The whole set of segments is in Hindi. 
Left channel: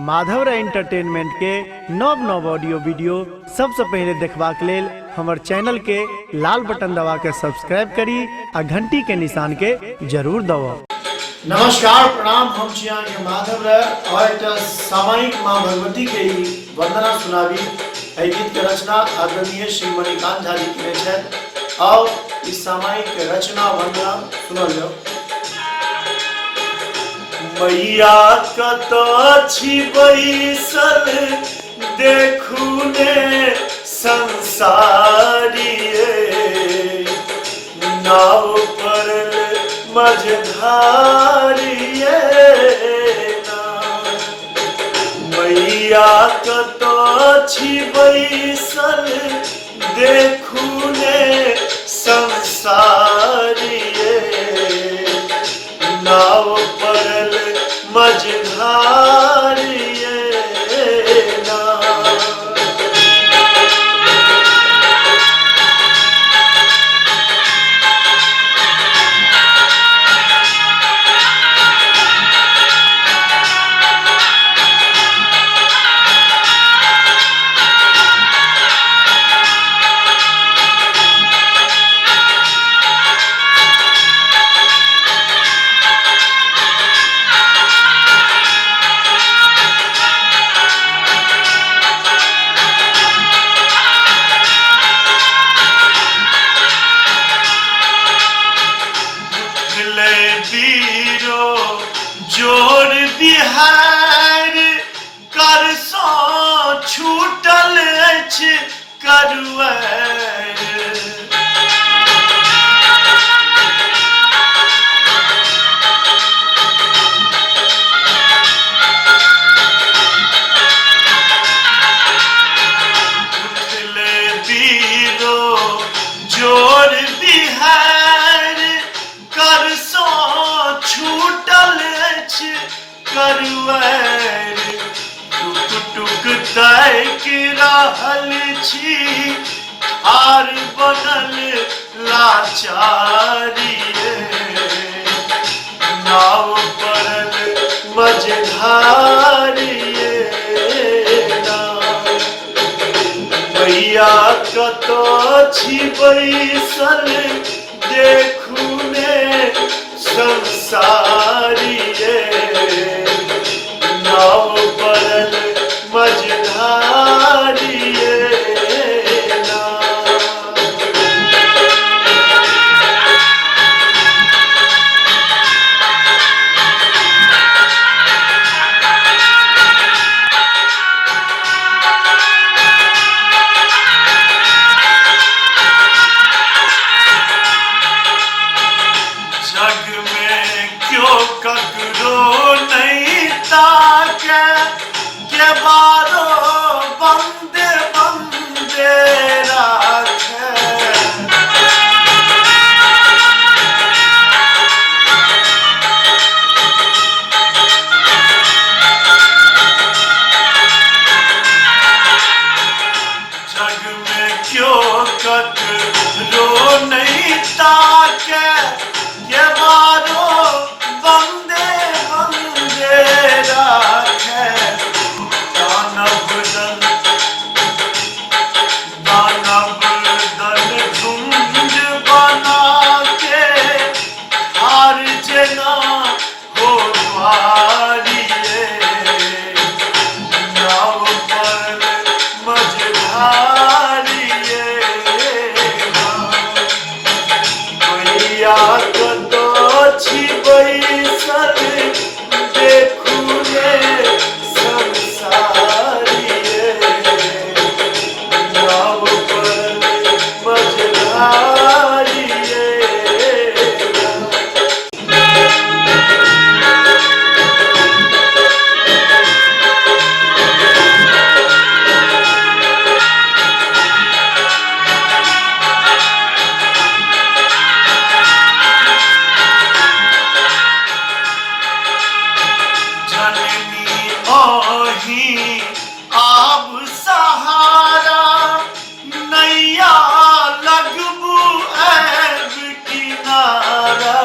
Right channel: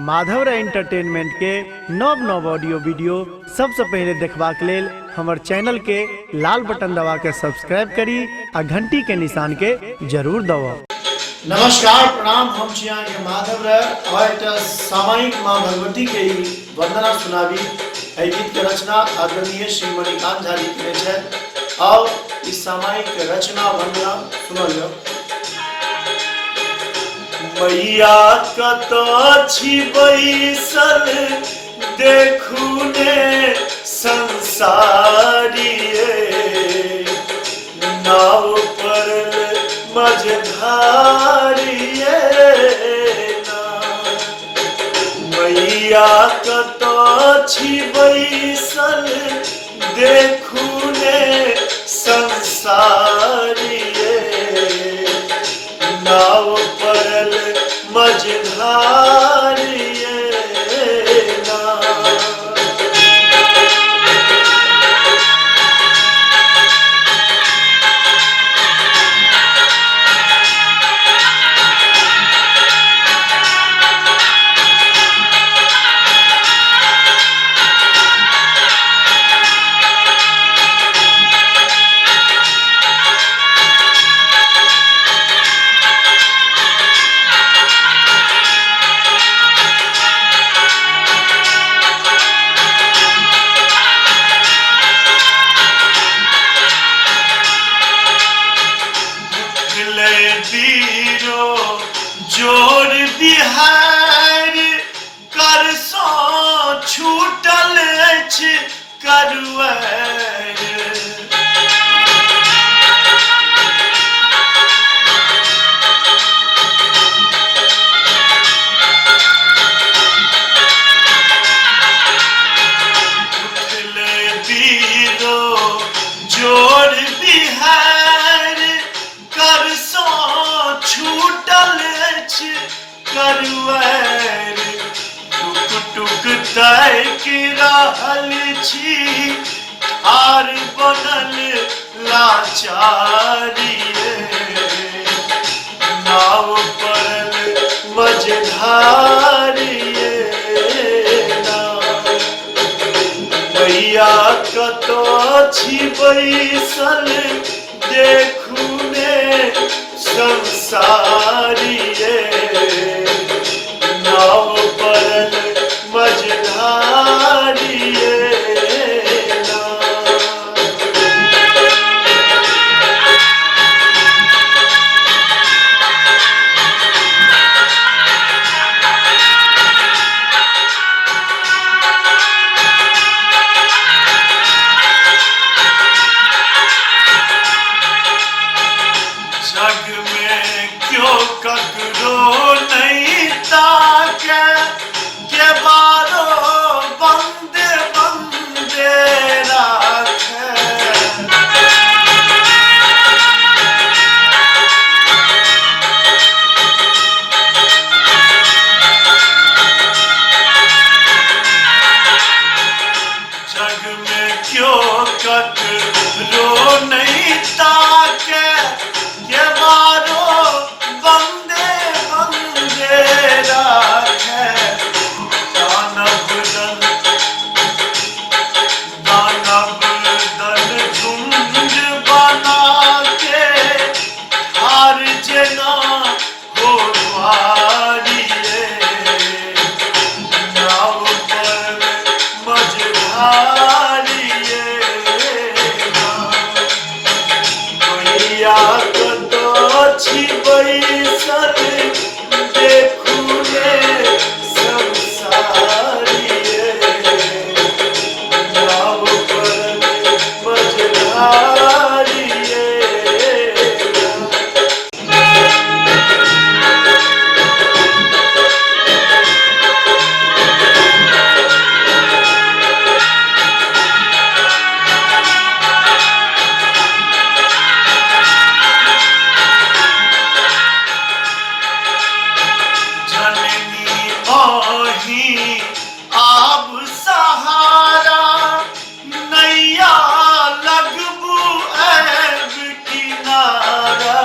माधव एंटरटेनमेंट के नव नव ऑडियो वीडियो सबसे पहले देखबाक लेल हमर चैनल के लाल बटन दबा के सब्सक्राइब करी आ घंटी के निशान के जरूर दबाओ। नमस्कार प्रणाम, हम छी अहाँ के माधव राय और एक सामायिक माँ भगवती के ही वंदना सुनाबी। एहि गीत के रचना आदरणीय श्री मणिकांत झा जी केने छथि और इस सामायिक रचना वंदना सुनल जाओ। मैया कतऽ छी बैसल देखू ने संसारी, नाव पर मझधारी मैया कतऽ छी बैसल देखू ने संसारी, नाव परल मझधारी जोर बिहार कर सो छूटल अछि करुआर, उठले बीरो जोर बिहार कर सो छूटल अछि करुआर, टुक टुक ताकि रहल छी आर बनल लाचारी, नाव परल मझधारी मैया कतऽ छी बैसल देखू ने संसारी, नाव परल मझधारी जग में क्यों ककरो नहीं ताके के बारो बंदे बंदे राखे, जग में क्यों ककरो नहीं ताके के बारो बंदे बंदे राखे, दानव दल झुंड बना के हार जना हो द्वारी, नाव पर मझधारी मैया कतऽ छी बैसल देखू ने संसारी, नाव पर मझधारी जननी आब सहारा नैया लगबू ऐब किनारा,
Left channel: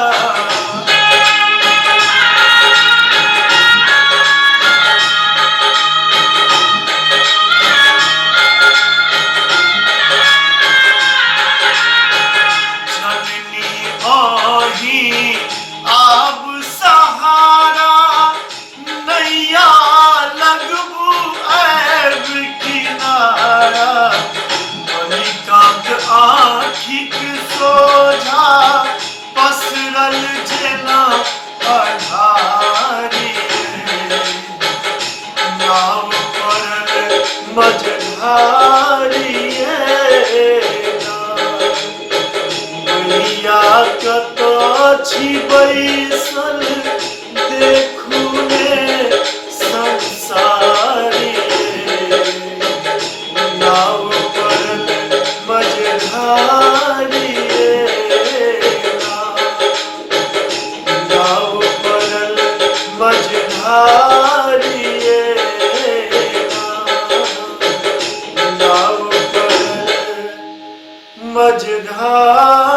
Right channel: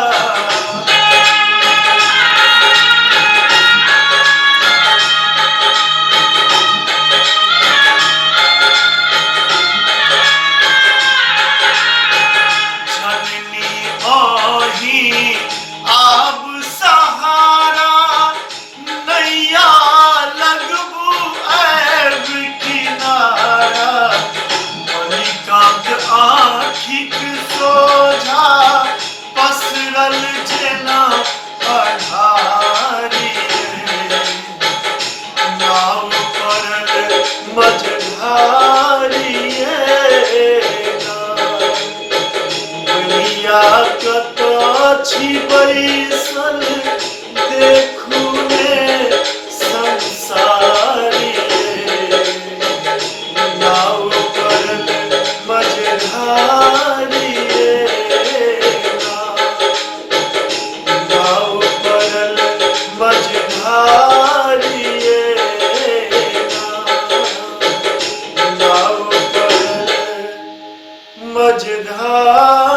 नाव पड़ल मझधारिए बलिया कतो छी बैसल देखू ने संसारिए नाव पड़ल मझधारिए नाव पड़ल मझधारिए नाव पड़ल मझधारिए।